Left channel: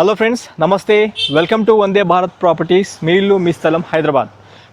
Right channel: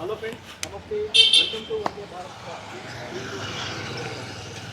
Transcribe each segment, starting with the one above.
Hello friends, నమస్తే. Welcome to Vande Bharat properties. మీ ఇల్లు మీ స్థలం హైదరాబాద్.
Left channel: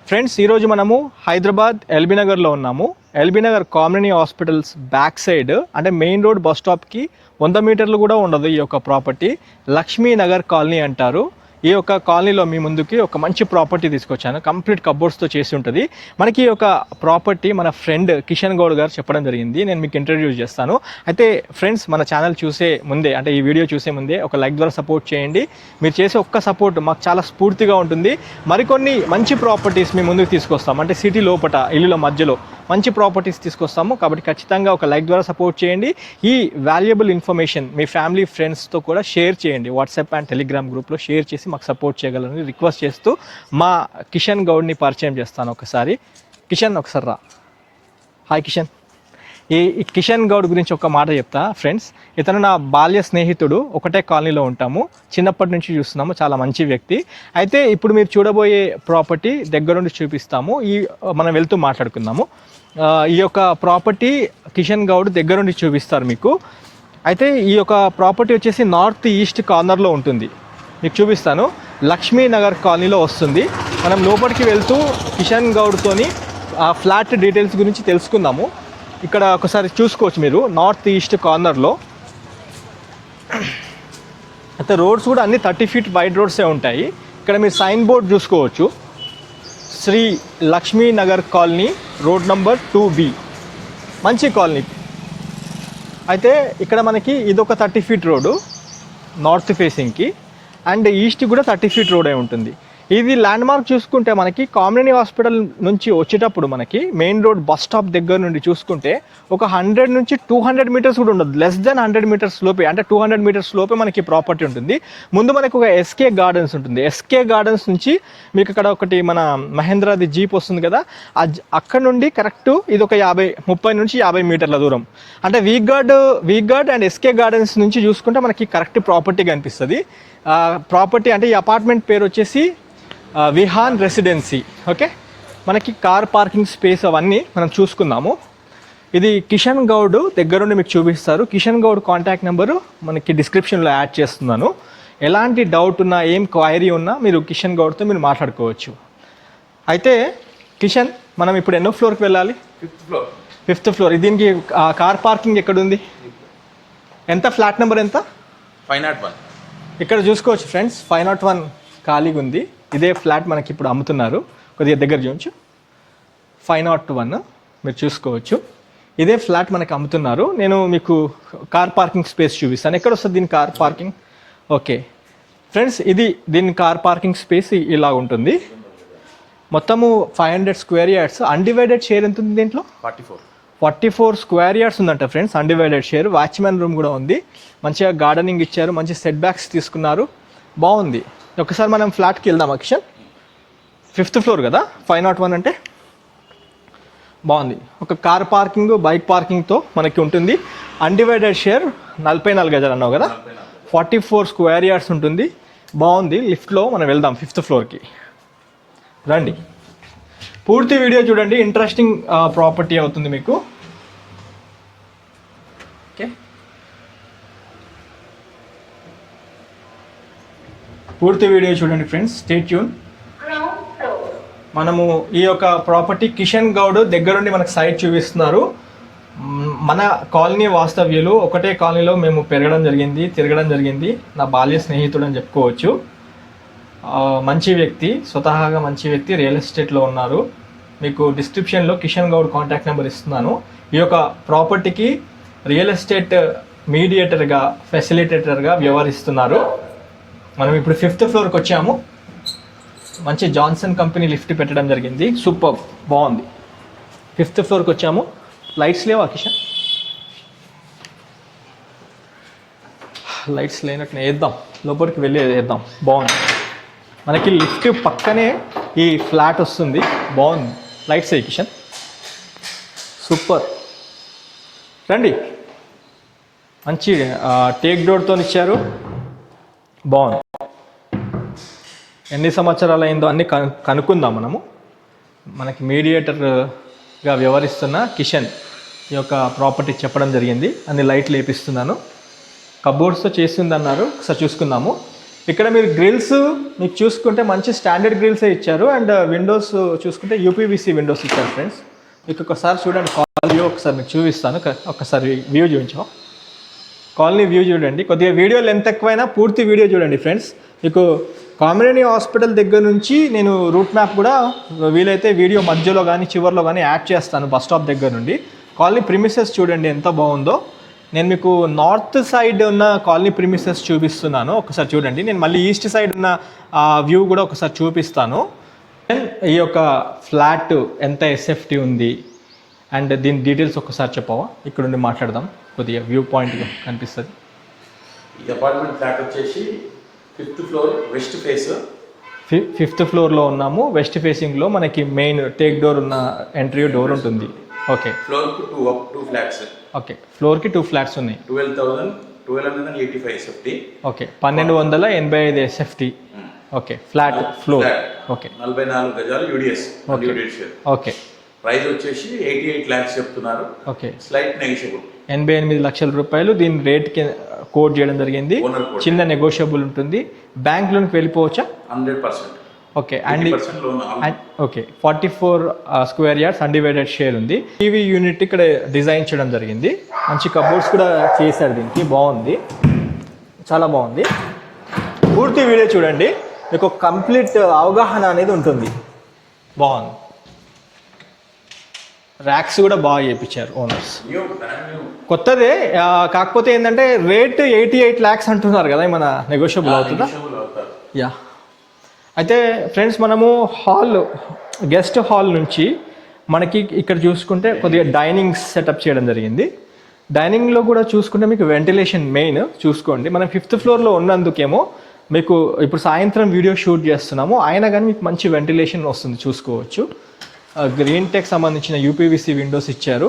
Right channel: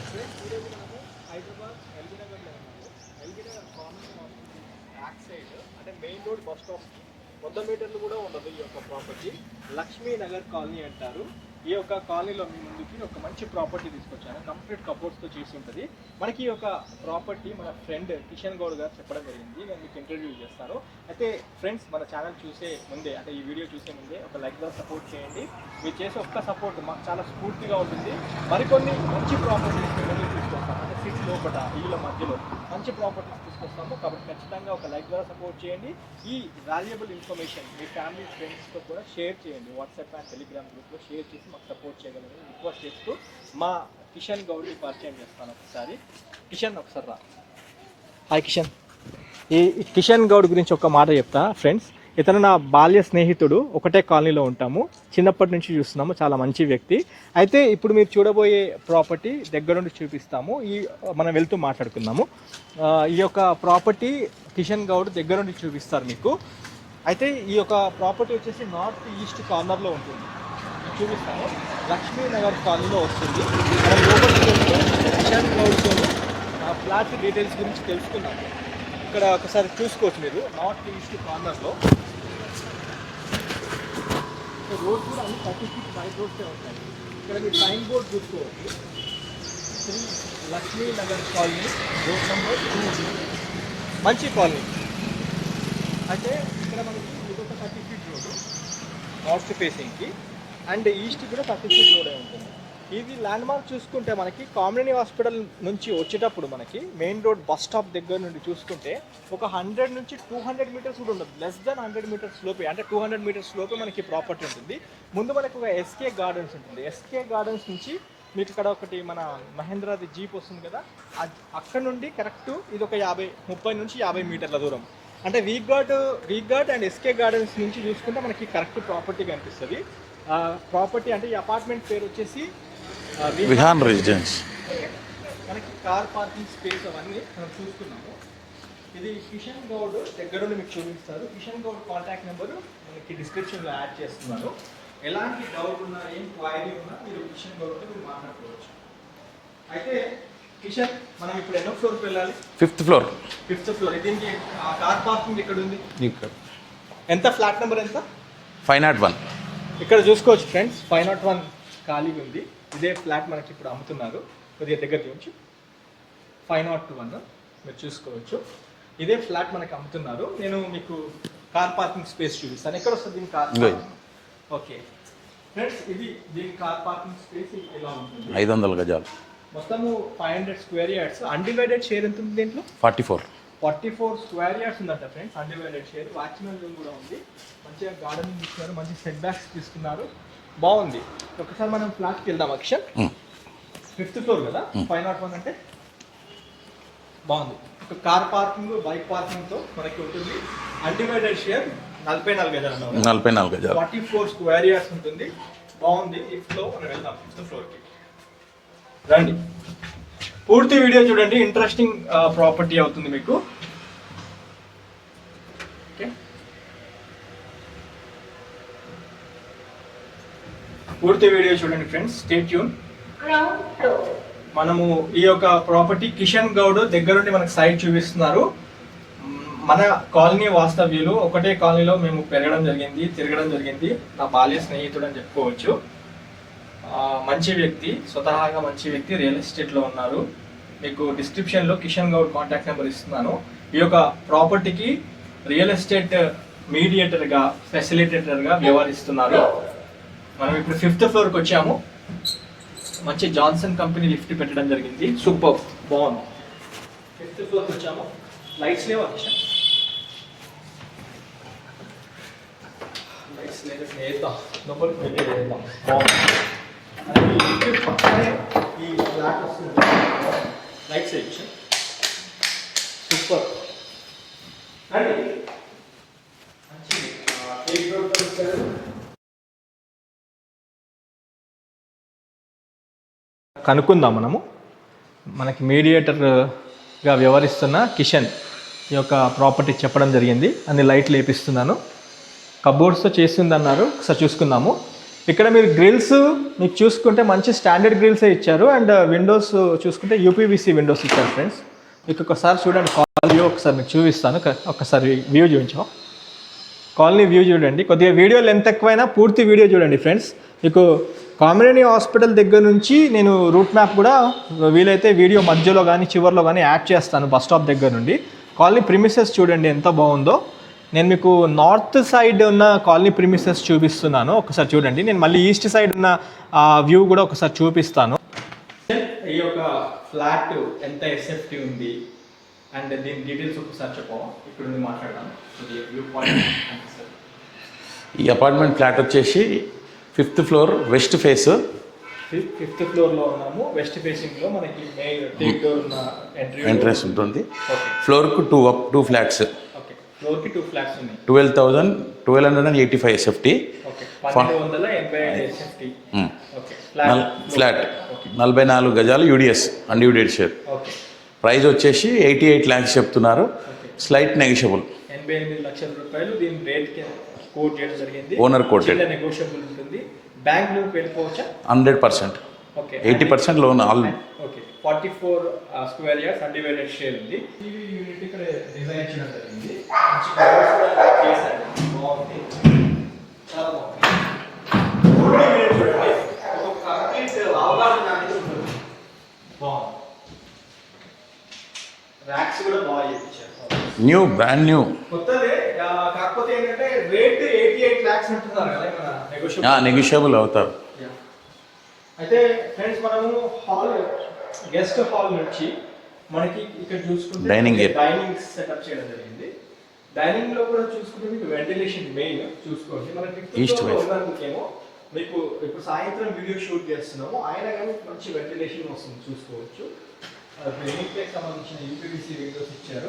ఫ్రెండ్స్, ఈరోజు మనము హైదరాబాద్ ఎల్బీ నగర్లో ఉన్నాము. LB Nagar కామినీ hospitals back side, అంటే మెయిన్ రోడ్ బస్ స్టాప్కి 100 మీటర్లు కూడా ఉండదు ఈ యొక్క ప్రాపర్టీ. లక్ష్మీ నగర్ కాలనీ అంటారు. ఈ యొక్క కాలనీలో మీ ముందుకి ఒక మంచి ప్రాపర్టీ తీసుకొచ్చాను. కంప్లీట్ కబోర్డ్స్తో చేసి ఉంటుంది. మనకి ఈ యొక్క ప్రాపర్టీ మన ఫ్రెండ్ కిషన్ గౌడ్ గారు చెప్పడం జరిగింది. నేను మీకు ఇంట్రడ్యూస్ చేస్తాను. అయితే ఫ్రెండ్స్, మన ఛానల్ చూసే ముందే, అంటే ఈ వీడియో చూసే ముందే ఒక లైక్ ద్వారా సపోర్ట్ చేయండి. మీరు చేసే ఒక్క సపోర్ట్ మాకు చాలా స్ఫూర్తిగా ఉంటుంది. మరికొన్ని మంచి ప్రాపర్టీస్ మీ ముందుకు తీసుకొస్తాం. అంటే సిటీ లోపల, ఇల్లుల మధ్యలో మంచి ప్రాపర్టీస్ తీసుకొస్తాము. కాబట్టి ఖచ్చితంగా ఒక లైక్ ద్వారా సపోర్ట్ చేయండి. ఈ వాల్యుబుల్ ఇన్ఫర్మేషన్ మీ ఫ్యామిలీ ఫ్రెండ్స్తో కూడా షేర్ చేయండి. వాట్సాప్ అండ్ టెలిగ్రామ్ గ్రూప్లో షేర్ చేసి మాకు సపోర్ట్ చేయగలరని రిక్వెస్ట్ చేస్తూ మా కిషన్ గౌడ్ని పరిచయం చేస్తాను. ఒకసారి కిషన్, ఒకసారి రా. హాయ్ కిషన్. ఈ కిషన్ గౌడ్ గురించి ఒక మాట చెప్తా ఫ్రెండ్స్. ఇతను నా బాల్య స్నేహితుడు. ఒకటే కాలనీలో ఉంటాము, చిన్నప్పటి నుంచి చూస్తున్నాము. చాలా మంచి వ్యక్తి. అయితే ఇప్పుడు మీరు చూడబోయే ప్రాపర్టీ దగ్గరుండి చూపిస్తాము. మనం వెళ్తూ మాట్లాడుకుందాము. ఈ యొక్క ప్రాపర్టీ కిషన్ గౌడ్ దగ్గరుండి చూపిస్తారు మీకు. అయితే ఈ యొక్క ప్రాపర్టీ వచ్చేసి నార్త్ ఈస్ట్ కార్నర్లో ఉంటుంది. మీకు చూపిస్తాను. లక్ష్మీ నగర్ కాలనీలో వస్తుంది. మనం లోపలికి వెళ్తూ కిషన్ గౌడ్తోని ఆ ఫ్లాట్ డీటెయిల్స్ గురించి తెలుసుకుందాము. ఇక్కడ ఒకసారి చూసుకోవచ్చు మీరు, నార్త్ ఈస్ట్ కార్నర్లో. అయితే రోడ్స్ కూడా అన్ని 30 ఫీట్ వైడ్ రోడ్సే ఉంటాయి. ఇక్కడ మీరు సైన్ బోర్డ్ చూసుకోవచ్చు. Sri Lakshmi Nagar colony, road number 2B. మంచి కాలనీ. అయితే ఇక్కడ మనకి ఇదొక 30 ఫీట్ రోడ్డు నార్త్ ఫేసింగ్కి, అండ్ ఈస్ట్ కూడా 30 ఫీట్ రోడే ఉంటుంది. ఇది ల్యాండ్ మార్క్ చూసుకుంటే మనకి కామినీ హాస్పిటల్ నుంచి వచ్చేటప్పుడు మనకి మెయిన్ రోడ్ బస్ స్టాప్ దగ్గర నుండి చూసుకుంటే ఒక 100 నుంచి 200 మీటర్స్ కూడా ఉండదు. లెస్ దెన్ 100 మీటర్స్ లోపే, అంటే 200 మీటర్స్ లోపే మనకి ప్రాపర్టీ ఉంటుంది. ముందు మనకు ఒక ఎస్కే గార్డెన్స్ ఉంటుంది. ఎస్కే గార్డెన్స్ నుంచి మీకు ఇక్కడ ఒకటి మన మహేంద్రాది జీప్ వస్తుంది కదా, అక్కడ నుండి కరెక్ట్ ఇది ఒక 30 నుంచి 50 మీటర్ల దూరం. అంటే వీక్ గార్డ్ అండ్ ఎస్కే గార్డెన్స్ నుంచి చూసుకుంటే మనకి కరెక్ట్ ప్రాపర్టీ కనిపిస్తుంది. ప్రాపర్టీ అంటే ఈ అపార్ట్మెంట్ పేరు వచ్చేసి విహాన్ రెసిడెన్సీ. ఓకే, మనకి కార్ పార్కింగ్ స్పేస్ అవన్నీ మనం చూసుకుందాము. ఇది కిషన్ గౌడ్ దగ్గరుండి మీకు చూపిస్తారు. కిషన్ గౌడ్ కాంటాక్ట్ నెంబరు మనకి డిస్క్రిప్షన్లో యాడ్ చేస్తున్నాను. ఎలాంటి డౌట్ ఉన్నా, ఏం క్వైరీ ఉన్నా మీరు కిషన్ గౌడ్తో మీరు మాట్లాడుకోవచ్చు. అయితే కిషన్, మనం ఇప్పుడు ఎన్నో ఫ్లోర్కి వెళ్ళాలి? Fifth floor. దీనికి కార్ పార్కింగ్ ఎక్కడుంది? ఎంత? ఫ్లాట్ నెంబర్ ఎంత? 501. ఇక్కడ చూసుకోవచ్చు ఫ్రెండ్స్, 501 ఖాళీగా ఉంది. ఇదే ఫ్లాట్ మనకి ఇప్పుడు అమ్ముతున్నారు. కొద్దిగా దగ్గర చూపించు. 501 మీరు చూసుకోవచ్చు. ఇదే ఫ్లాట్ మనకి అమ్ముతున్నారు. నేను మీకు కార్ పార్కింగ్ స్పేస్ చూపిస్తాను. ఎక్కడ వస్తుంది దీని కార్ పార్కింగ్? ఓకే ఫ్రెండ్స్, ఇది దీని కార్ పార్కింగ్ స్పేస్ ఇలా ఉంటుంది. 500 గజాలు, మొత్తము 500 స్క్వేర్ యార్డ్స్. అన్డివైడెడ్ షేర్ ఎంత ఉంది దీంట్లో? 44 స్క్వేర్ యార్డ్స్ ఉందంట friends, undivided share. Watchman room కూడా ఉంది. మంచిగా గార్డెనింగ్ ఇచ్చారు, మంచి సెట్ బ్యాక్స్ తీసుకున్నారు, బాగుంది. ఒకసారి మనం ఫ్లాట్కి వెళ్దాం. అక్షర్, 5th ఫ్లోర్ కదా, 501 అంటే బాగుంది. ఒక కార్ పార్కింగ్, బైక్ పార్కింగ్తో మనకి ఉంటుంది. అన్డివైడెడ్ షేర్ 44 గజాలు అన్నావు కదా, 44 గజాలు, 44 స్క్వేర్ యార్డ్స్ ఉంటుంది, బాగుంది. లిఫ్ట్లో మనం వెళ్దాం 5th ఫ్లోర్కి. రండి, పూర్తి వీడియో చూడండి. ఇంట్రెస్టింగ్ ప్రాపర్టీ అవుతుంది మీకు. ఓకే, పూర్తి వీడియో చూడండి ఫ్రెండ్స్, స్టే ట్యూన్. మనము ఈ యొక్క ప్రాపర్టీ కిషన్ గౌడ్ దగ్గరుండి మనకు సైట్ చూపిస్తున్నారు. మన కాలనీ వాస్తవ్యులు, ఒకటే కాలనీలో మేము పెరగడం జరిగింది, తిరగడం జరిగింది. నా బాల్య స్నేహితుడు అని చెప్పుకోవచ్చు. మంచి వ్యక్తి, స్వతహాగా మంచి వ్యక్తి. రియల్ ఎస్టేట్లో ఉన్నారు. మీకు డిస్క్రిప్షన్లో కిషన్ గౌడ్ కాంటాక్ట్ నెంబర్ ఇస్తున్నాను. ఈ యొక్క ప్రాపర్టీకి రియల్ ఎస్టేట్ మీడియేటర్గా, ఫెసిలిటేటర్గా వ్యవహరిస్తున్నారు. మనం ఇప్పుడు 5th ఫ్లోర్కి వచ్చాము. మంచి జాన్సన్ కంపెనీ లిఫ్ట్ పెట్టడం జరిగింది, సూపర్, బాగుంది. 5th ఫ్లోర్కి వచ్చాము. లైట్స్ లేవా కిషన్? లైట్స్ లేనట్టు వేద్దాం, లోపలికి వెళ్ళి వేద్దాం. బాగుంది. మనకి లిఫ్ట్ పక్కనే ఈ ఫ్లాట్ వస్తుంది, బాగుంది. లైట్స్ అయ్యి కిషన్, సూపర్. రండి, మంచి టేక్ డోర్తో ఇచ్చారు, బాగుంది. ఎన్ని సంవత్సరాలు అయిందో అన్నీ కనుక్కుందాం మనము. మనకి మీడియేటర్గా వ్యవహరిస్తున్న కిషన్ ఈ యొక్క ప్రాపర్టీ చెప్పడం జరిగింది. అన్ని లైట్లు వేపిస్తున్నాను. కబోర్డ్స్తో చేసింది అన్నారు, ఒకసారి చూసుకుందాము. ఇక్కడ మీరు గ్రిల్స్ మీకు చూసుకుంటే మంచి స్టాండర్డ్ గ్రిల్సే ఇచ్చారు. అండ్ విండోస్ చూసుకుంటే యూపీవీసీ విండోస్ ఇచ్చారు ఫ్రెండ్స్. మీకు ఒకసారి చూడండి కాలనీ వ్యూ ఒకసారి మీకు చూపిస్తాను. ఒకసారి వ్యూ చూపించాం, కాలనీ వ్యూ చూడండి. కొద్దిగా వీడియో లెంత్ ఎక్కువైనా పూర్తి వీడియో చూడండి ఫ్రెండ్స్. మీకు కామినేని హాస్పిటల్ దగ్గర నుంచి నేను రూట్ మ్యాప్ కూడా వీలైతే వీడియో మధ్యలో కానీ చివరిలో కానీ యాడ్ చేస్తాను. బస్ స్టాప్ దగ్గర నుండి కాలనీ ప్రిమిసెస్ చూడండి ఎంత బాగుందో. నేను మీకు నార్త్ సైడ్ ఉన్న కాలనీ ప్రిమిసెస్ చూపిస్తున్నాను, ఒకసారి చూడండి. నేను మళ్ళీ ఈస్ట్ సైడ్ ఉన్న వ్యూ కూడా ఒకసారి చూపిస్తాను. అండ్ ఈ యొక్క ఫ్లాట్ ఎంత ఎస్ఎఫ్టీ ఉంది అండ్ దీని డీటెయిల్స్ ఒకసారి చెప్పవా? ఇక్కడ నుండి మాట్లాడదాం, కొద్దిగా వ్యూ పాయింట్ అనిపిస్తుంది. ఈ అపార్ట్మెంట్ ఫ్లాట్ వచ్చేసి 5th floor west face. 5th ఫ్లోర్లో ఉన్నాము. వెస్ట్ ఫేసింగ్లో మనకి మెయిన్ టేక్ డోర్ ఉన్న ఎంట్రీ డోర్ ఉంటుంది. ఓకే, ఫ్లోర్కు టూ ఫ్లాట్స్. ఓకే, ఫ్లోర్కి 2 ఫ్లాట్స్ ఉన్నాయి. 12,185 SFT. Okay, 1285 SFT. Okay, flat flat. Okay, 44 గజాలు UDS undivided share. Okay, price వచ్చేసి 88 lakhs చెప్తున్నారు. Okay, slight negotiable. 88 లక్షల రూపాయలు దీని రేట్కి కోట్ చేయడం జరిగింది. ఓనర్ కోట్ చిన్న నెగోషియబుల్ ఉంటుంది. బ్యాంక్ లోన్కి వెళ్ళిపోవచ్చా? 100%. Okay, 80% loan. Okay, 44 square yards undivided share ఉంది. టీవీ యూనిట్ ఇక్కడ డిజైన్ చేయడం జరిగింది. మంచి కబోర్డ్స్ కూడా చేశారు, దీనికి బాగుంది, చాలా బాగుంది. పూర్తి వీడియో చూడండి, మీకు కంప్లీట్ అవగాహన అనేది ఉంటుంది. బాగుంది. ర్యాక్స్ కూడా బాగా చేయించారు ఓనర్స్, బ్రాండ్ న్యూ కొత్తదే. కాకపోతే ఏంటంటే రేట్ 88 lakhs అంటున్నారు కదా, మన నెగోషియబుల్ అవుతారు. యా, అయితే ఫ్రెండ్స్ మనము గెస్ట్ హాల్ నుంచి మనకి ఇక్కడ చూసుకుంటే డైనింగ్ సెటప్ చేయడం జరిగింది. డైనింగ్లో కూడా చూసుకుంటే మీకు వెంటిలేషన్ మెయిన్ చూసుకోండి. మనం 5th ఫ్లోర్లో ఉన్నందుకేమో మీకు ఇప్పుడు సాయంత్రం వీడియో షూట్ చేస్తున్నాము, అయినా కానీ మీకు మంచి వెంటిలేషన్ వస్తుంది, చూసుకోవచ్చు. గ్రీన్ టెక్ సంబంధించిన యూపీవీసీ విండోస్ ఇచ్చారు,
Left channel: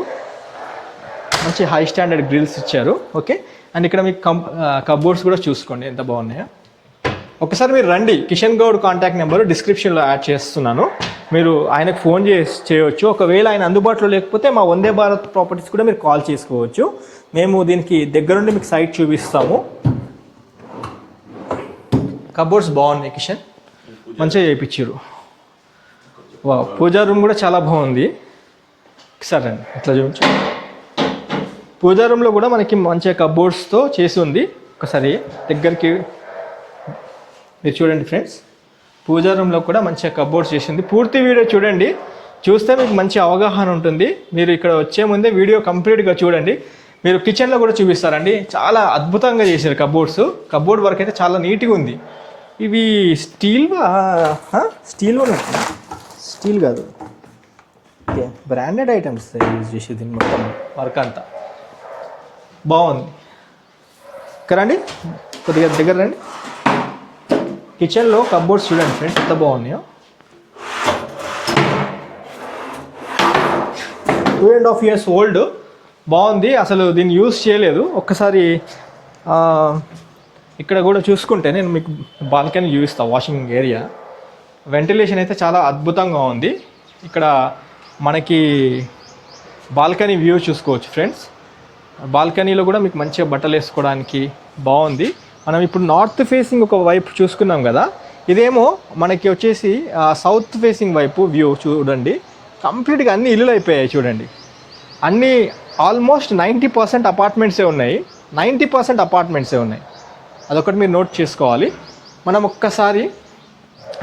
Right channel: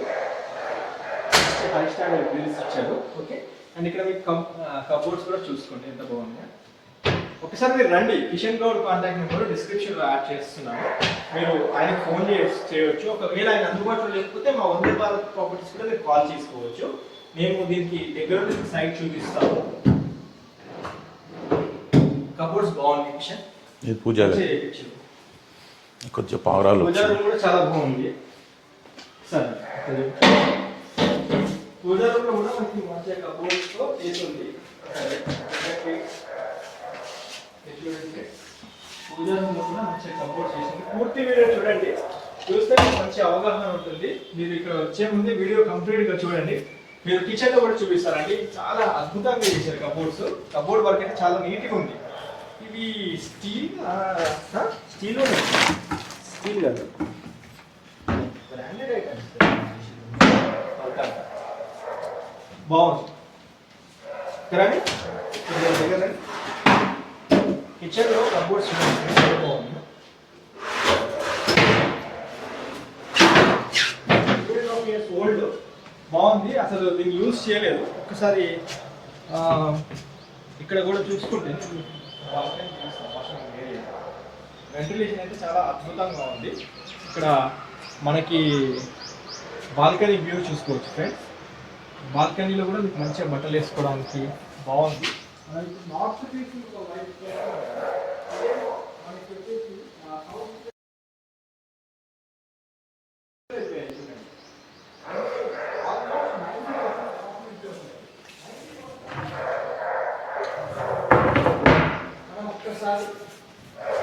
మంచి హై స్టాండర్డ్ గ్రిల్స్ ఇచ్చారు. ఓకే, అండ్ ఇక్కడ మీకు కబోర్డ్స్ కూడా చూసుకోండి ఎంత బాగున్నాయో. ఒకసారి మీరు రండి, కిషన్ గౌడ్ కాంటాక్ట్ నెంబర్ డిస్క్రిప్షన్లో యాడ్ చేస్తున్నాను, మీరు ఆయనకు ఫోన్ చేయవచ్చు. ఒకవేళ ఆయన అందుబాటులో లేకపోతే మా వందే భారత్ ప్రాపర్టీస్ కూడా మీరు కాల్ చేసుకోవచ్చు. మేము దీనికి దగ్గరుండి మీకు సైట్ చూపిస్తాము. కబోర్డ్స్ బాగున్నాయి కిషన్, మంచిగా చేయించారు. పూజా రూమ్ కూడా చాలా బాగుంది. సరే అండి, ఇట్లా చూపించు. పూజా రూమ్లో కూడా మనకి మంచిగా కబోర్డ్స్తో చేసి ఉంది. ఒకసారి దగ్గరికి మీరు చూడండి ఫ్రెండ్స్, పూజా రూమ్లో కూడా మంచిగా కబోర్డ్స్ చేసింది. పూర్తి వీడియో చూడండి, చూస్తే మీకు మంచి అవగాహన ఉంటుంది. మీరు ఇక్కడ వచ్చే ముందే వీడియో కంప్లీట్గా చూడండి. మీరు కిచెన్లో కూడా చూపిస్తారండి, చాలా అద్భుతంగా చేశారు కబోర్డ్స్. కబోర్డ్ వర్క్ అయితే చాలా నీట్గా ఉంది. ఇవి స్టీల్ కాదు, బ్రాండెడ్ ఐటమ్స్ యూజ్ చేసేది వర్క్ అంతా బాగుంది. రండి, కొద్దిగా దగ్గర రండి. కిచెన్లో కబోర్డ్స్ చూడండి ఫ్రెండ్స్ ఎంత బాగున్నాయో. 2.5 years ఓల్డ్, బాగుంది. అసలు దీన్ని యూజ్ చేయలేదు. ఒక్కసారి ఇక్కడ కూడా చూసుకుంటే నేను మీకు బాల్కనీ చూపిస్తాను, వాషింగ్ ఏరియా. వెంటిలేషన్ అయితే చాలా అద్భుతంగా ఉంది. ఇక్కడ మనకి బాల్కనీ వ్యూ చూసుకోవచ్చు ఫ్రెండ్స్. బాల్కనీలో కూడా మీకు మంచిగా బట్టలు వేసుకోవడానికి బాగుంది. మనం ఇప్పుడు నార్త్ ఫేసింగ్ ఒక వైపు చూసుకున్నాం కదా, ఇదేమో మనకి వచ్చేసి సౌత్ ఫేసింగ్ వైపు వ్యూ చూడండి. కంప్లీట్గా అన్ని ఇల్లులు అయిపోయాయి చూడండి. అన్నీ ఆల్మోస్ట్ 90% అపార్ట్మెంట్సే ఉన్నాయి. 90% అపార్ట్మెంట్సే ఉన్నాయి. అదొకటి మీరు నోట్ చేసుకోవాలి. మనం ఒక్కసారి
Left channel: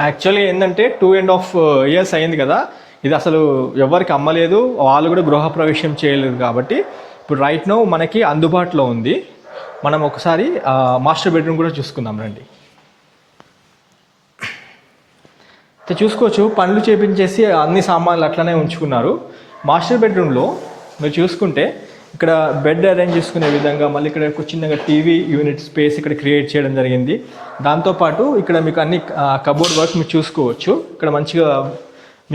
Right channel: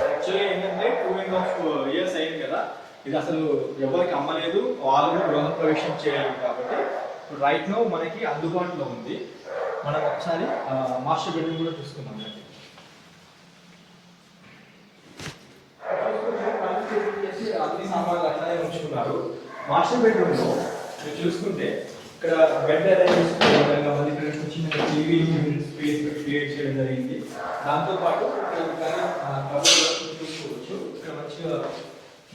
యాక్చువల్లీ ఏంటంటే 2.5 years అయింది కదా, ఇది అసలు ఎవరికి అమ్మలేదు, వాళ్ళు కూడా గృహప్రవేశం చేయలేదు. కాబట్టి ఇప్పుడు రైట్ నౌ మనకి అందుబాటులో ఉంది. మనం ఒకసారి మాస్టర్ బెడ్రూమ్ కూడా చూసుకుందాం రండి. చూసుకోవచ్చు, పనులు చేపించేసి అన్ని సామాన్లు అట్లనే ఉంచుకున్నారు. మాస్టర్ బెడ్రూమ్లో మీరు చూసుకుంటే ఇక్కడ బెడ్ అరేంజ్ చేసుకునే విధంగా మళ్ళీ ఇక్కడ చిన్నగా టీవీ యూనిట్ స్పేస్ ఇక్కడ క్రియేట్ చేయడం జరిగింది. దాంతోపాటు ఇక్కడ మీకు అన్ని కబోర్డ్ వర్క్ మీరు చూసుకోవచ్చు. ఇక్కడ మంచిగా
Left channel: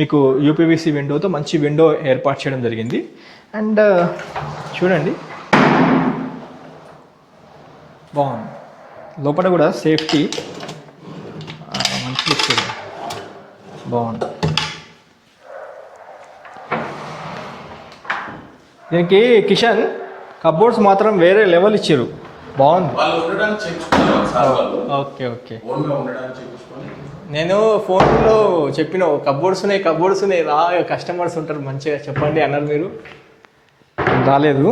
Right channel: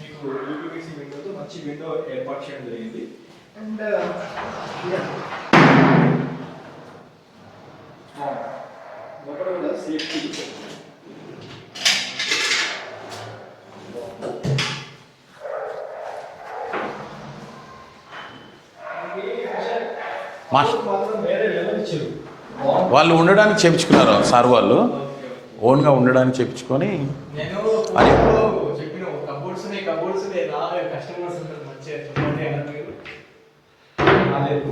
మీకు యూపీవీసీ విండోతో మంచి విండో ఏర్పాటు చేయడం జరిగింది. అండ్ చూడండి బాగుంది. లోపల కూడా సేఫ్టీ మంచి బాగుంది. దీనికి కిషన్ కబోర్డ్స్ మాత్రం వేరే లెవెల్ ఇచ్చారు, బాగుంది. వాళ్ళు ఉండడానికి చేయించుకున్నారు సార్ వాళ్ళు, ఓకే ఓకే. ఓన్గా ఉండడానికి చేయించుకొని. నేను ఫోన్లో చెప్పిన కబోర్డ్స్ ఉన్నాయి రా, కస్టమర్స్ ఉంటారు మంచిగా చెప్పండి అన్నారు, మీరు రాలేదు.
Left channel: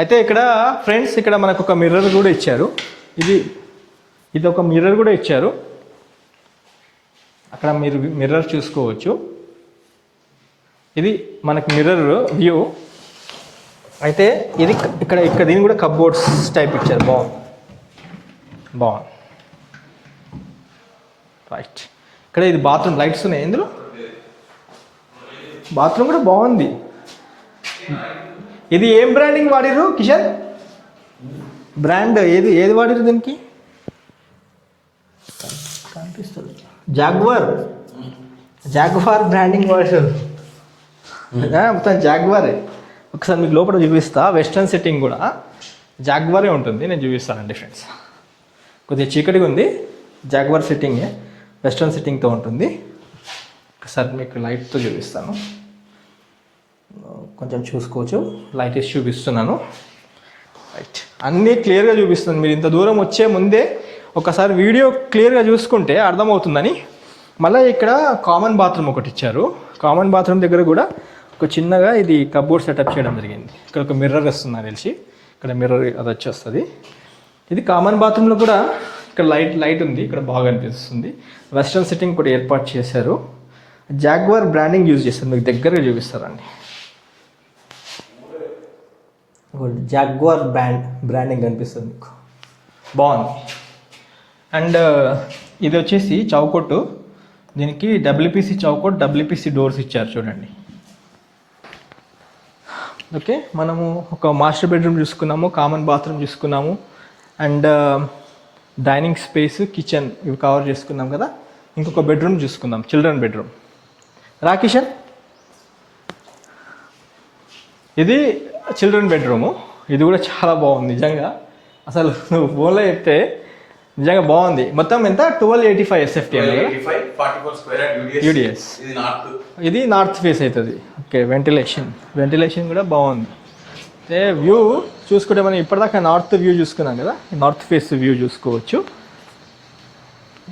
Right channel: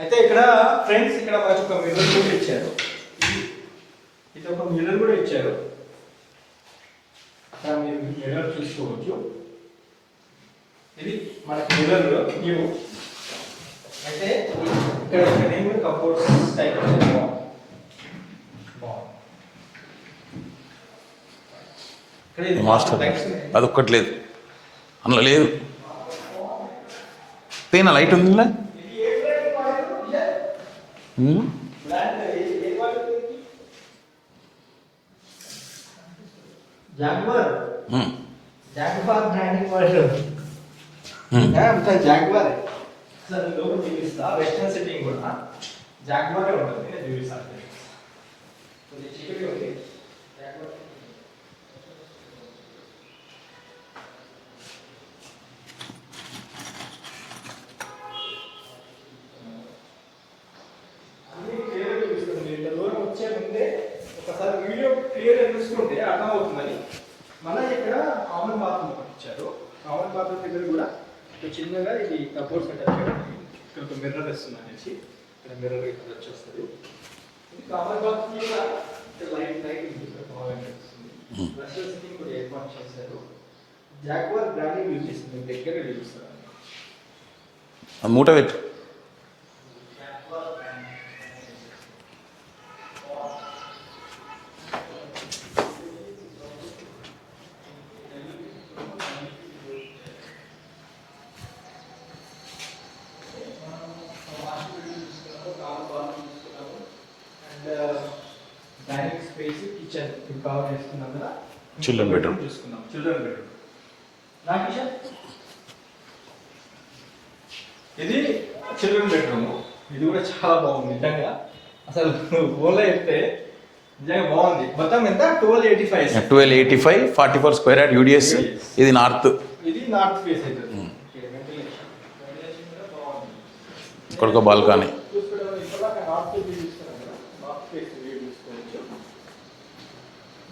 అయితే ఇక్కడ ఫ్రెండ్స్ ఇక్కడ మనకు ఒక మిర్రర్ కూడా ఇచ్చారు. ఇది ఒక మిర్రర్ కూడా ఇచ్చారు. అక్కడ మీరు మిర్రర్ చూసుకోవచ్చు. ఇది మనకు మిర్రర్ వ్యూ. అయితే ఇది ఇక్కడ దీన్ని కూడా కబోర్డ్స్ టైప్ ఇచ్చారు. బాగుంది రైట్. ఇక్కడ ఇది బాత్రూమ్ లైట్స్ ఉన్నాయి. అదొక్కటి లేదు అందులో, లేదు. బాత్రూమ్ కూడా బాగుంది. పైన లైట్ ఉందిలా. ఇది ఏం బ్రాండింగ్ వాడిరు కిషన్? బ్రాండ్ ఏది వాడిరు దీనికి? కనిపిస్తుంది జాగ్వార్ బ్రాండింగ్ వాడిరు. మొత్తం జాగ్వారే. ఒకసారి మీకు లోపల చూపిస్తా. వెస్టర్న్ సెట్టింగ్ కూడా జాగ్వారే ఉంటుంది. నేను చూపిస్తానండి ఫ్రెండ్స్. కొద్దిగా చీకటిగా ఉంది. జాగ్వార్ సెట్టింగే, వెస్టర్న్ సెట్టింగ్తో ఉంటుంది. ఒకసారి మీకు లైట్తో చూపిస్తాను, కొంచెం చూసుకోవచ్చు. లైట్ వేసి చూపిస్తున్నాను. రైట్, అన్నీ క్లియర్గా చూపిస్తుంది. మీరు ఇంత దూరం వచ్చే ముందే ఒకసారి వీడియో క్లియర్గా చూసుకుంటే అర్థమవుతుందని. మళ్ళీ ఇక్కడ కామన్ బాత్రూమ్ ఒకటి ఇచ్చారు. కామన్ బాత్రూమ్ దగ్గర కూడా ఒక చిన్నగా ఇది కబోర్డ్ సెటప్ చేయడం జరిగింది. ఇక్కడ ఒక మిర్రర్ వస్తుంది నాకు తెలిసి. ఇక్కడ మిర్రర్ అది వచ్చేస్తుంది. ఇది కామన్ బాత్రూంలో కూడా ఇక్కడ లైట్ ఉంది. ఇక్కడ బాగా అనిపిస్తుంది. వెస్ట్రన్ సెట్టింగ్ కూడా ఏర్పాటు చేశారు. జాగ్వార్ బ్రాండింగ్ యూజ్ చేస్తారు. మీకు దగ్గరగా చూపిస్తారండి. మూట పెట్టు. జాగ్వార్ బ్రాండింగ్ కనిపిస్తుంది మీకు. బాగుంది. అండ్ ఇది వచ్చేసి చౌకొట్టు. దీనికి డబ్ల్యూపీసీ చౌకొట్టు, డబ్ల్యూపీసీ డోర్స్ ఇచ్చారు చూడండి. ఓకే, మనము ఒక మాస్టర్ బెడ్రూమ్ చూసుకున్నాము, కామన్ బాత్రూమ్ చూసుకున్నాము, అండ్ డైనింగ్ స్పేస్, కిచెన్ ఇవి కవర్ చేసుకున్నాం కదా. ఇంకొక బెడ్రూమ్ చూసుకుందాం, చిల్డ్రన్ బెడ్రూమ్. రాకిషన్, ఇది చిల్డ్రన్ బెడ్రూము. ఇది కూడా చాలా బాగుంది నిజంగా. అసలు ఫోన్లో చెప్తే నిజంగా బాగుంది. మొత్తం ఎంత 1285 44 స్క్వేర్ యార్డ్ యూడిఎస్. ఇది నార్త్ ఫేస్ అవుతుంది. ఓకే, వెంటిలేషన్ కూడా బాగుంది. చూసుకుంటే మనం ఇప్పటిదాకా నార్త్ వ్యూ చూసుకున్నాం కదా, నార్త్ ఫేస్ వ్యూ చూసుకోవచ్చు.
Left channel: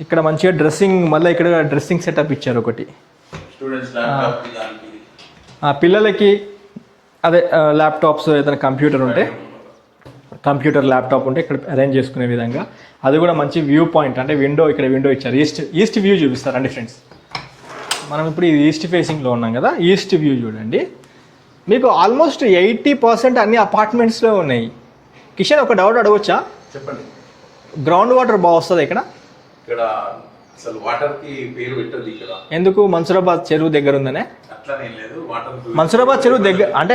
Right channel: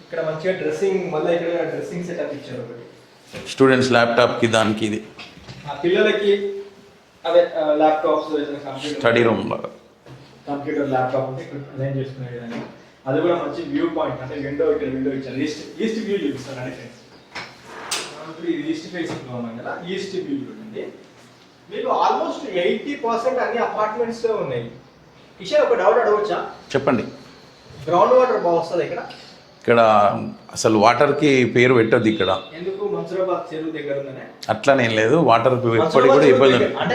ఇక్కడ మంచిగా డ్రెస్సింగ్, మళ్ళీ ఇక్కడ డ్రెస్సింగ్ సెటప్ ఇచ్చారు ఒకటి. స్టూడెంట్స్ ల్యాప్టాప్కి దానికి ఇది పిల్లలకి అదే ల్యాప్టాప్స్, ఏదైనా కంప్యూటర్ ల్యాప్టాప్ ఉంటే ఇక్కడ అరేంజ్ చేసుకునే విధంగా. అది కూడా మంచి వ్యూ పాయింట్, అంటే ఇక్కడ విండో ఇచ్చారు. ఈస్ట్ వ్యూ చూపిస్తారండి ఫ్రెండ్స్. మనం ఇప్పుడు ఇది ఈస్ట్ ఫేసింగ్లో ఉన్నాం కదా. ఈస్ట్ వ్యూ చూడండి. మీకు ఆల్మోస్ట్ 80% అన్ని అపార్ట్మెంట్స్లో ఉన్నాయి. కిషన్, ఒక డౌట్ అడగవచ్చా? చెప్పండి. గ్రౌండ్ వాటర్ బాగా వస్తుంది ఇక్కడ అసలు వాటర్కి పేరు పెట్టద్దు ఇక్కడ. ఎందుకు? మన్సూరాబాద్ చెరువు దగ్గర ఉందనే? అట్లనేం లేదు. వాటర్ మన్సూరాబాద్ చెరువు దగ్గర అంటే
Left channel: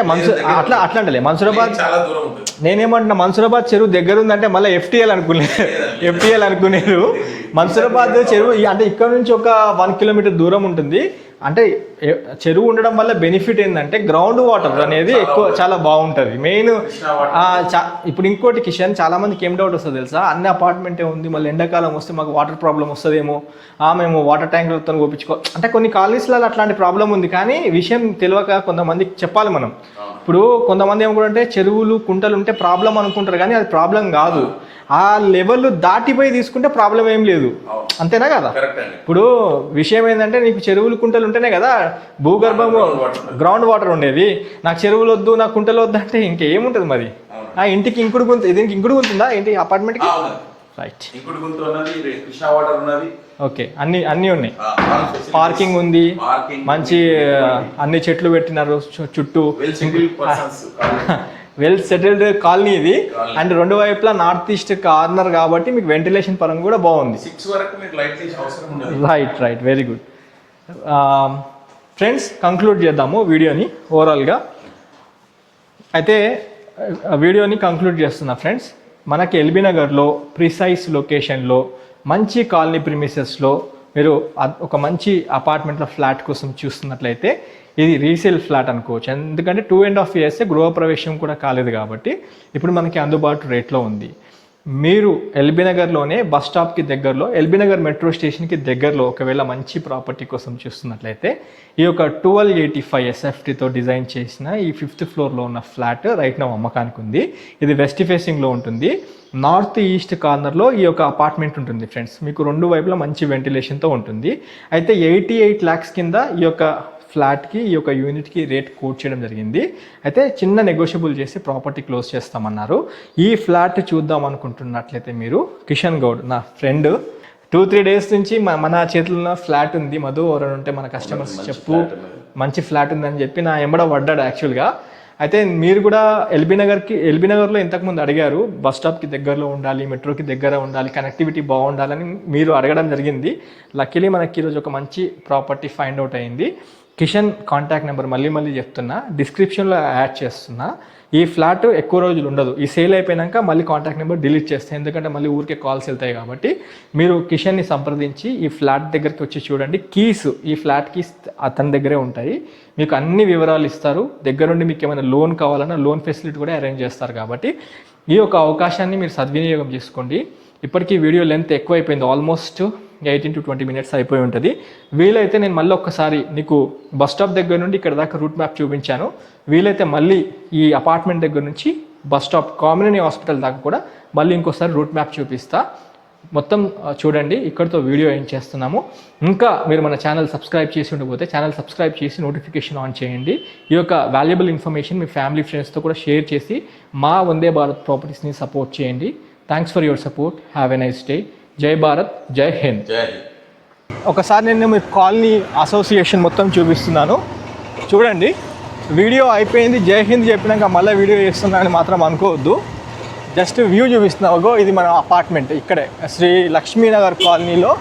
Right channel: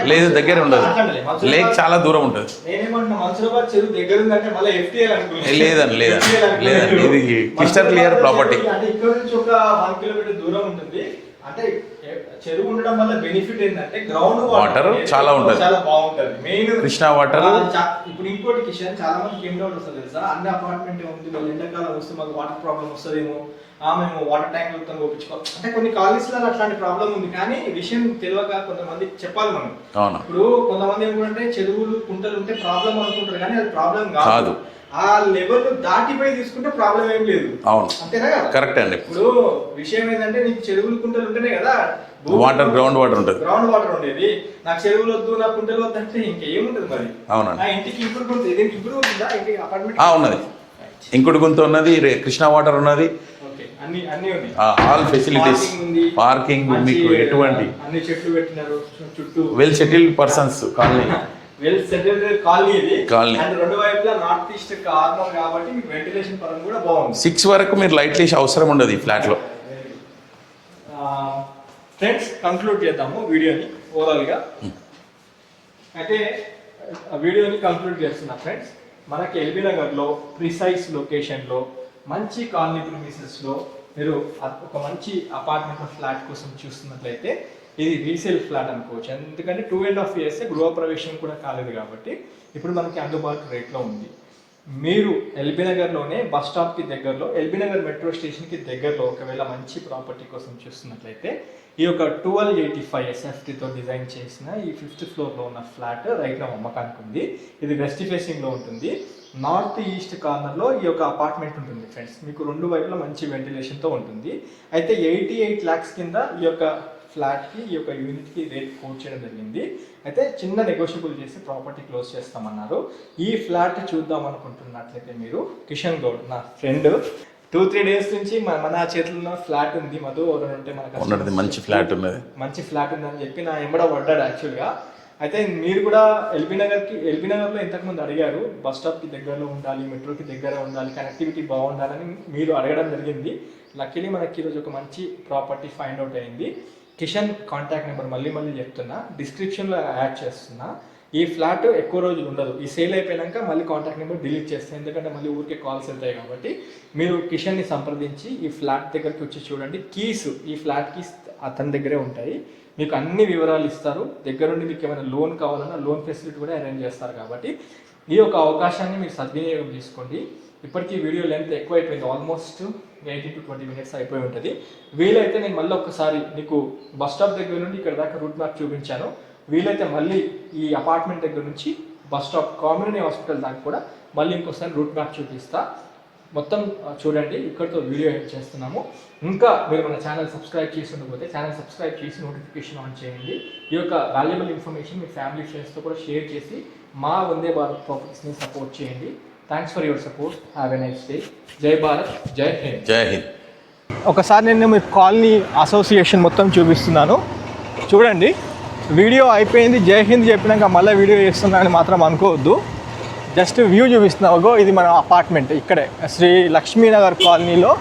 అట్లా మన్సూరాబాద్ చాలా దూరం ఉంటుంది. నేనేమంటున్నా, మన్సూరాబాద్ చెరువు దగ్గర ఉందంటే మళ్ళీ FTL అనుకునేది. మన్సూరాబాద్ చెరువు అంటే ఇక్కడ నుంచి ఒక 1 కిలోమీటర్ దూరం ఉంటుంది. అంటే చెరువు ఉండడం వల్ల బెనిఫిట్ ఏంటంటే గ్రౌండ్ వాటర్ అనేది చాలా బాగుంటది. Main Krishna water. ఇప్పుడు ఇంకోటి కిషన్, చాలా మందికి ఏం డౌట్ వస్తుంది తెలుసా? అన్ని అపార్ట్మెంటే ఉంది, మళ్ళీ ఎండాకాలం వస్తే మాకు వాటర్ ప్రాబ్లం వస్తుందేమో, మేము వాటర్ ట్యాంకులతో కోపించుకో అంటే కొన్ని కాలనీస్లలో అట్లాంటి ప్రాబ్లం ఉంది. కానీ విషయం తెలియక కొంతమందికి చెప్పాలి మనం. ఇప్పుడు కొంతమంది ఏమనుకుంటే చెరువులు కుంటలు ఉంటే ప్రాబ్లం అనుకుంటారు, కానీ అది ప్రాబ్లం కాదు. ఆ లెవెల్ దాటిపోయి తీసుకుంటే ప్రాబ్లం ఏం లేదు. అంతేనా కదా? కరెక్ట్ అండి. ఇప్పుడు విషయం ఏంటంటే నీకు చెరువులు కుంటలు ఉంటేనే కదా గ్రౌండ్ వాటర్ ఉండేది. నాకు చెరువులు వద్దు, నాకు కుంటలు వద్దు అంటే ఇంకేముంటది మరి? ఇంటికి ఇంకుడు గుంత, దీనికి ఇంకుడు గుంత ఉందా ఏంటి అపార్ట్మెంట్? రైట్, ఇంకుడు గుంత ఉన్నది, కృష్ణా వాటర్ ఉన్నది. ఓకే, అన్ని ఉన్నాయి. పార్కింగ్ ఉంది, మంచి అన్ని చెట్లు పెట్టినారు చుట్టూ. వెల్ సెటిల్డ్ కాలనీ ఇది. అండ్ రెండు వైపులా నార్త్ ఈస్ట్ కార్నర్ కాబట్టి మీకు వెంటిలేషన్ పరంగా కూడా బాగుంది. 6 వరకు మీరు లైట్ వేసి అవసరం ఉండదు. Right, very good. Friends, conclude చేద్దాము వీడియోని ఓవరాల్గా. అయితే వీడియోని కంక్లూడ్ చేస్తున్నా ఫ్రెండ్స్. మనకి ఎల్బీ నగర్లో ప్రిసైజ్ లొకేషన్లో మంచి కాలనీ ప్రిమిసెస్లో మీరు ఒక మంచి అపార్ట్మెంట్లో ఫ్లాట్ కోసం చూస్తున్నట్లయితే ఇది రీసేల్ ఫ్లాట్ అనుకోవచ్చు. ఎందుకంటే 2.5 years గృహప్రవేశం కూడా కాలేదు కాబట్టి ఇప్పుడు మనకి అందుబాటు రేట్లో ఉంది. మీరు ఎల్బీ నగర్లోనే బస్ స్టాప్కి దగ్గరలో ఎల్బీ నగర్ మెట్రో స్టేషన్కి దగ్గరలో ఒకవేళ మంచి ప్రాపర్టీ కోసం చూస్తున్నట్లయితే ఈ యొక్క 1285 ఎస్ఎఫ్టీతో డిజైన్ చేసిన ఈ 5th ఫ్లోర్లో ఉన్న ఫ్లాట్ రైట్ నా అమ్మకానికి ఉంది. ఇది వెస్ట్ ఫేసింగ్లో ఉంటుంది. నార్త్ ఈస్ట్ కార్నర్లో ఈ యొక్క అపార్ట్మెంట్ ఉంటుంది ఫ్రెండ్స్. మీకు రెండు వైపులా మంచి వెంటిలేషన్తో ఉంటుంది. అయితే 88 lakhs కింద ఈ యొక్క ఫ్లాట్కి ఈ యొక్క యూనిట్కి రేట్ కోట్ చేయడం జరిగింది. అయితే చిన్న నెగోషియబుల్ చేసి ప్రాపర్టీ క్లోజ్ చేస్తామన్నారు. ఈ ఫ్లాట్ చూద్దాం అనుకుంటున్నట్లయితే మీరు కిషన్ గౌడ్ నా ఫ్రెండ్ 2-3 days నుంచి మన చేతుల్లో ఫ్లాట్ ఉంది మధు ఎవరైనా ఉంటే మన కస్టమర్స్ మంచి ఫ్లాట్ ఉందని చెప్పి నా ఎంబడ పడ్డాడు యాక్చువల్గా. అయితే మీరు కూడా ఎల్బీ నగర్లో ఇంతకుముందు అడిగారు బస్ స్టాప్కి దగ్గరలో ఉండాలి, మెట్రోకి దగ్గర ఉండాలి, కనెక్టివిటీ బాగుండాలని మీరు అడగడం జరిగింది. లక్కీలీ మనకి ఈరోజు ఒక మంచి ప్రాపర్టీ ఫైండ్ అవుట్ అయింది. కిషన్ కాంటాక్ట్ నెంబర్ మళ్ళీ చెప్తున్నా, డిస్క్రిప్షన్లో యాడ్ చేస్తున్నా. ఈ ఫ్లాట్ ఎక్కువ రోజులు ఉండదు. ఈ సేల్ అయిపోయాక మళ్ళీ కాంటాక్ట్ నెంబర్ డిలీట్ చేస్తాను, ఎందుకంటే మళ్ళీ ఊరికే కాల్స్ వెళ్తాయి. కాబట్టి మీరు కిషన్ని సంప్రదించి ఈ ఫ్లాట్ దగ్గరికి వచ్చి చూడండి. ఈ ఫ్లాట్ కీస్ అతని దగ్గరే ఉంటాయి. మీకు అన్ని వివరాలు ఇస్తారు. దగ్గరుండి మీకు ఏమైనా లోన్ కావాలన్నా లోన్ ఫెసిలిటీ కూడా అరేంజ్ చేస్తారు. కాబట్టి ఈ యొక్క అవకాశాన్ని మీరు సద్వినియోగం చేసుకోండి. ఇప్పటికీ వీడియో లెంత్ ఎక్కువ అయిపోయింది, ఆల్మోస్ట్ 18 to 20 minutes అయిపోయి ఉంటుంది. వీలైతే నేను మళ్ళీ ఒక్కసారి నీకు బస్ స్టాప్ దగ్గర నుండి ఇక్కడ దాకా రూట్ మ్యాప్ చూపించాను. వీలైతే మళ్ళీ ఈ అపార్ట్మెంట్ దగ్గర నుంచి బస్ స్టాప్ కామినేని హాస్పిటల్ దాకా కూడా మళ్ళీ ఇంకోసారి రూట్ మ్యాప్ చూపిస్తా. మొత్తం చూడండి. ఇక్కడితో వీడియో ఏం చేస్తున్నాము. ఇంకా మీరు మన ఛానల్ సబ్స్క్రైబ్ చేసి ఉండకపోతే ఛానల్ సబ్స్క్రైబ్ చేసి నోటిఫికేషన్ ఆన్ చేయండి. ఈ యొక్క వాల్యుబుల్ ఇన్ఫర్మేషన్ మీ ఫ్యామిలీ ఫ్రెండ్స్తో కూడా షేర్ చేసి మా వందే భారత్ ప్రాపర్టీస్ని సపోర్ట్ చేయండి. Thanks for your support. Have a nice day. జై భారత్, జై హింద్. జై హింద్. ఒకసారి నేను మీ కాలనీ అసోసియేషన్ మొత్తం చూపిస్తున్నాను చూడండి. వీడియో అయిపోయింది, జై హింద్ చెప్పినాక మళ్ళీ వీడియో చేస్తున్నా అని మాత్రం అనుకోవద్దు. జస్ట్ వ్యూ చూపిస్తున్నావు. ఇది మన అపార్ట్మెంట్ ఇక్కడే శ్రీ లక్ష్మీనగర్ కాలనీలో.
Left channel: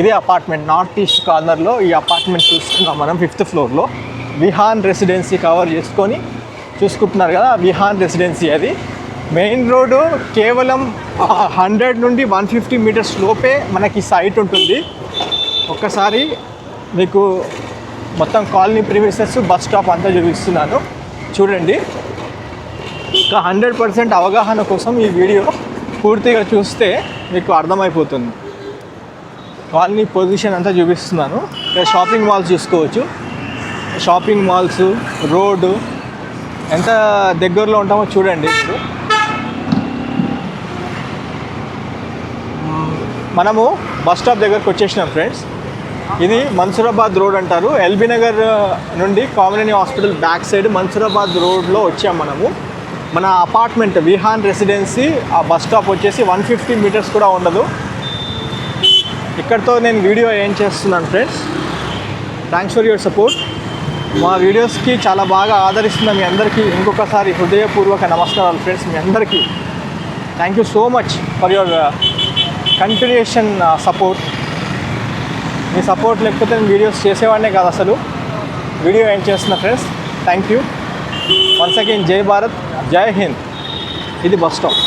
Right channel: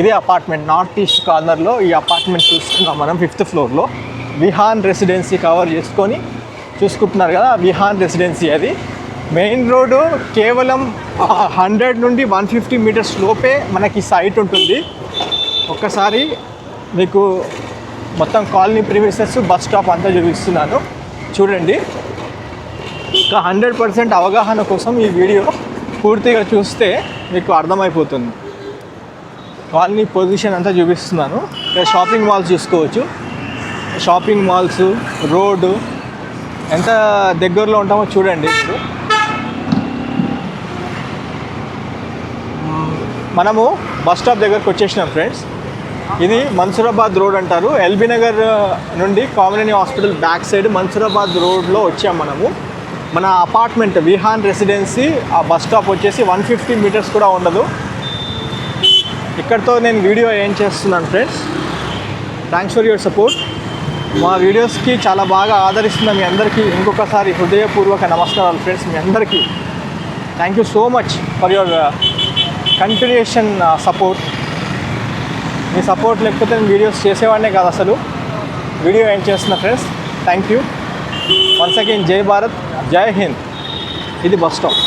ఇదే అపార్ట్మెంట్ నార్త్ ఈస్ట్ కార్నర్లో ఈ అపార్ట్మెంట్ చూస్తున్నాం మనం 5th ఫ్లోర్లో. విహాన్ రెసిడెన్సీ కవర్ చేసుకొని చూసుకుంటున్నారు కదా, విహాన్ రెసిడెన్సీ. అది మెయిన్ రోడ్డు కేవలం 100 నుండి 150 meters లోపే మనకి సైట్ ఉంటుంది. ఒక్కసారి మీకు మొత్తం కాలనీ ప్రిమిసెస్ బస్ స్టాప్ అంతా చూపిస్తున్నాను చూడండి. ఇంకా 100% అవగాహన కోసం ఈ వీడియో పూర్తిగా చూస్తే మీకు అర్థమైపోతుంది. కాలనీ పొజిషన్ అంతా చూపిస్తున్నాను. ఇక్కడ షాపింగ్ మాల్స్ చూసుకోవచ్చు. షాపింగ్ మాల్స్, రోడ్డు ఎంత దగ్గరలో ఉంటామో చూడండి. మనము బస్ స్టాప్ దగ్గరకు వచ్చేసినాం ఫ్రెండ్స్. ఇది మన్సూరాబాద్ రోడ్ అంటారు. ఎల్బీ నగర్ నుండి Kamineni hospital back side Mansoorabad రోడ్లో వచ్చాం మనము. మన అపార్ట్మెంట్ విహాన్ రెసిడెన్సీ ఆ బస్ స్టాప్ వచ్చేసి 150 meters కూడా ఉండదు. ఇక్కడితో నేను వీడియో ఏం చేస్తున్నాను friends. Thanks for your support. మా వీడియోస్కి చాలా బాగా ఆదరిస్తున్న మీ అందరికీ ఇంకొకసారి హృదయపూర్వక నమస్కారాలు ఫ్రెండ్స్. మీ అందరికీ thank you so much for your continuation support. Me support లేకపోతే నేను వీడియోస్ చేసేవాడినే కాదు అసలు. వీడియో ఏం చేస్తున్నా friends. Thank you once again. జై భారత్, జై హింద్. ఇది బస్ స్టాప్.